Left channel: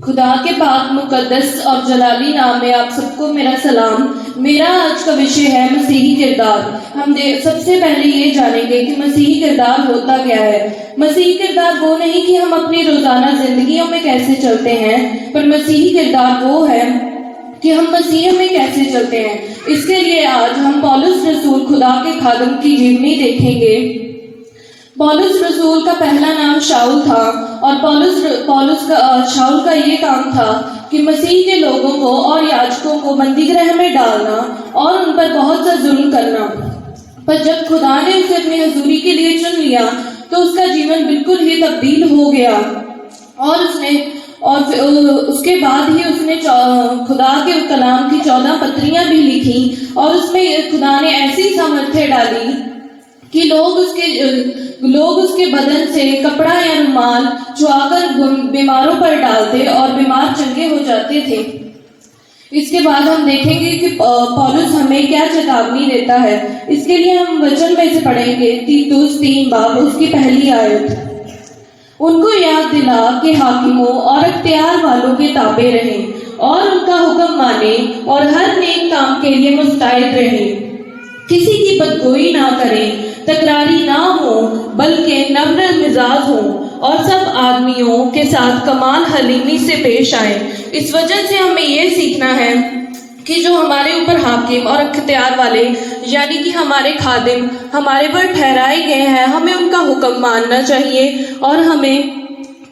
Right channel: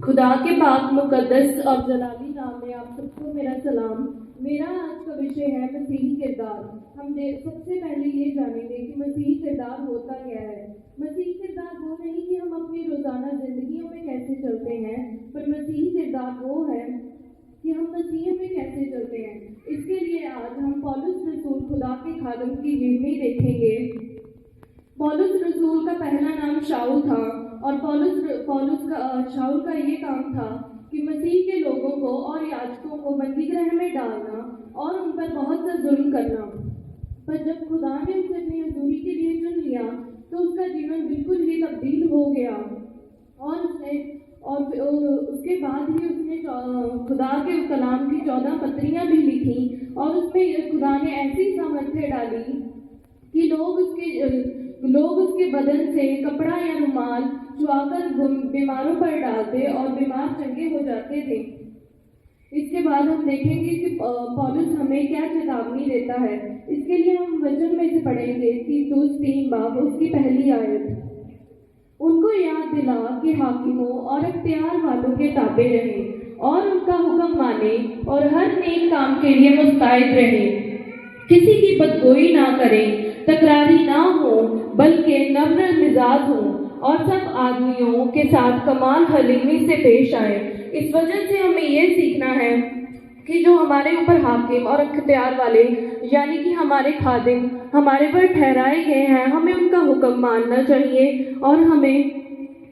خدا کے پاک مقدس اور جلالی نام میں آپ سب کو میرا سلام۔ میرا آج کا وشے ہے مسیحی کردار۔ ہم سب سے پہلے یہ جانیں گے کہ مسیحی کردار ہوتا کیا ہے۔ مسیحی کردار وہ نہیں کہ ہم اپنی روزانہ زندگیوں میں کیسے چلتے ہیں، پر مسیحی کردار وہ ہے کہ ہم مسیح میں کیسے چلتے ہیں۔ اس کے لیے آج ہم پولس رسول خدا کے خادم کی جیونی دیکھیں گے۔ پولس رسول کا پہلا نام شاؤل تھا، اور شاؤل کا یہ کام تھا کہ مسیح کے لوگوں کو اور یاجکوں کو بندی گرہ میں ڈالنا اور ان پر بہت سا ظلم کرنا۔ پر جب خدا نے اسے اپنی حضوری کے لیے چن لیا تو اس کا جیون بالکل ہی تبدیل ہو گیا، اور اس کے بعد ہی اس نے خدا کے کلام کی 14 پتریاں بھی لکھی، اور اس میں خدا نے ایسی سامرتھیہ ڈالی کہ لوگ اس کے بدن سے کپڑا یا رومال چوا کر بیماروں پر ڈالتے اور بیمار چنگے ہو جاتے تھے۔ اس کے بعد ہم دیکھیں گے کہ پولس ہمیں کیا چیتاونی دیتا ہے۔ اس کے لیے ہم وچن میں سے پڑھیں گے تیتوس 3 باب اس کی پہلی آیت۔ ان کو یاد دلا کہ حاکموں اور اختیار والوں کے تابع رہیں اور ان کا حکم مانیں اور ہر نیک کام کے لیے مستعد رہیں، کسی کی بدگوئی نہ کریں، تکراری نہ ہوں بلکہ نرم مزاج ہوں، اور سب آدمیوں کے ساتھ کمال حلیمی سے پیش آئیں۔ اس وجہ سے ہمیں یہ سیکھنا ہے کہ جو ہمارے اوپر حاکم اور اختیار والے یعنی کہ ہمارے خادم ہمارے پر ٹھہرائے گئے ہیں، ہمیں ان کا حکم ماننا چاہیے، اور ہمیں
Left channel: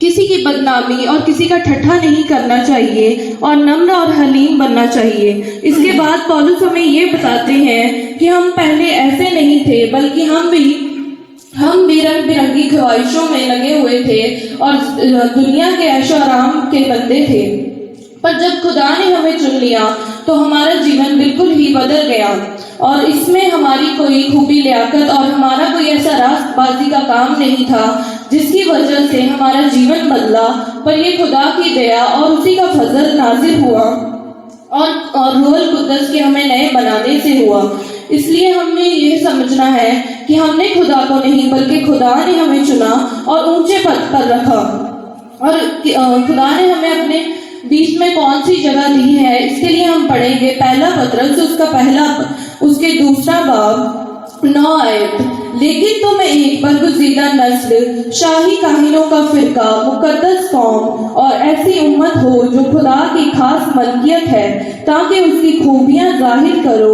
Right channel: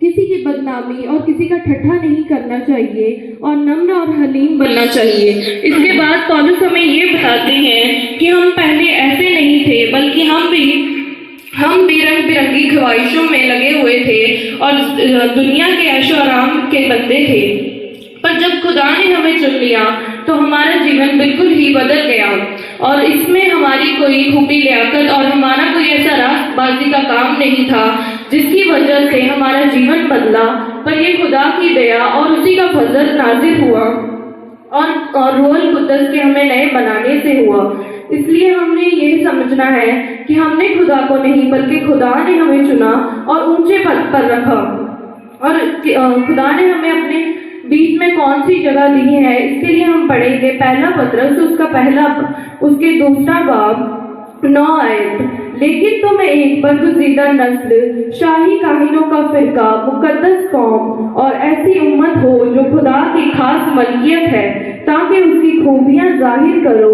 کسی کی بدنامی اور کسی کا ٹھٹھا نہیں کرنا چاہیے، اور نمر اور حلیم بننا چاہیے۔ اس کے بعد پولس ہمیں یہ بتاتے ہیں کہ ہم پہلے ایسے نہیں تھے، بلکہ ہم بھی رنگ برنگی خواہشوں میں لگے ہوئے تھے اور دنیا کے عیش و آرام کے بندے تھے۔ پر جب خدا نے ہمیں چن لیا تو ہمارا جیون بالکل ہی بدل گیا، اور اس میں ہماری کوئی خوبی لیاقت اور ہمارا کوئی ایسا راست بازی کا کام نہیں تھا جس کی وجہ سے ہمارا جیون بدلا، پر یہ خدا کی دیا اور اسی کا فضل نازل ہوا، اور روح القدس کے ہمیں نئے بنانے سے ہوا۔ اس لیے ہم نے یہ سمجھنا ہے کہ ہم نے خدا کو نہیں بلکہ خدا نے ہمیں چنا اور اونچے پد پر رکھا، اور خدا نے ہمیں اپنے بیچ میں کون سی جگہ دی ہے۔ اس کے لیے ہم پڑھیں گے پہلا پطرس اس کے دوسرا باب 9 آیت۔ لیکن تم ایک برگزیدہ نسل، شاہی کاہنوں کا فرقہ، مقدس قوم اور ایسی امت ہو جو خدا کی خاص ملکیت ہے، تاکہ اس کی خوبیاں ظاہر کرو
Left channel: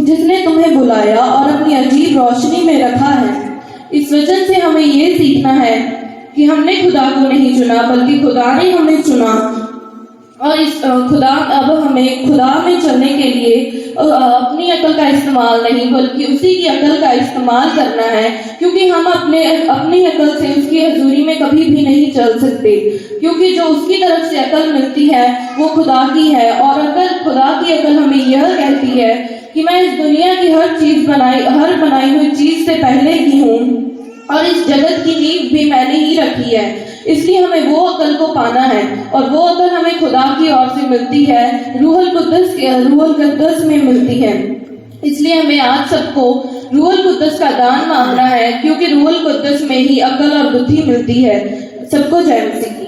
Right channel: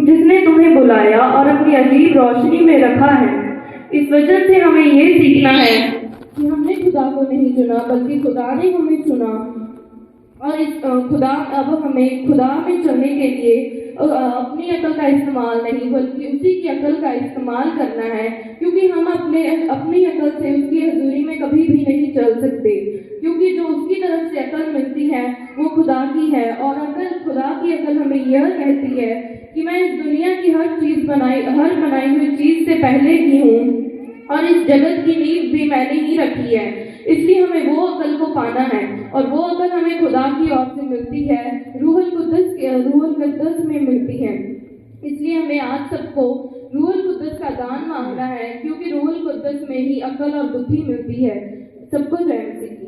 جس نے تمہیں بلایا اور اپنی عجیب روشنی میں رکھا ہے۔ اس وجہ سے ہمیں یہ سیکھنا ہے کہ ہم نے خدا کو نہیں چنا بلکہ خدا نے ہمیں چنا، اور اب ہمیں خدا میں چلنے کے لیے اپنی عقل کا استعمال نہیں بلکہ اسی کی عقل کا استعمال کرنا ہے، کیونکہ ہم اپنی عقل سے اس کی حضوری میں کبھی بھی نہیں چل سکتے، کیونکہ جو اس کی طرف سے عقل ملتی ہے وہ خدا کی ہے، اور خدا کی عقل ہمیں یہ کہتی ہے کہ میں اس دنیا کی ہر بنائی ہوئی چیز سے پہلے کی ہوں، اور اس جگت کی نیو بھی میں نے ہی رکھی ہے۔ اس لیے ہمیں وہ عقل کو پانا ہے، اور وہ عقل ہمیں خدا کی اور سے ملتی ہے، روح القدس میں ملتی ہے۔ اس لیے ہمیں آج سب کو روح القدس کا دان مانگنا ہے، کیونکہ روح القدس میں ہی عقل اور بدھی ملتی ہے۔ سب کو جے مسیح۔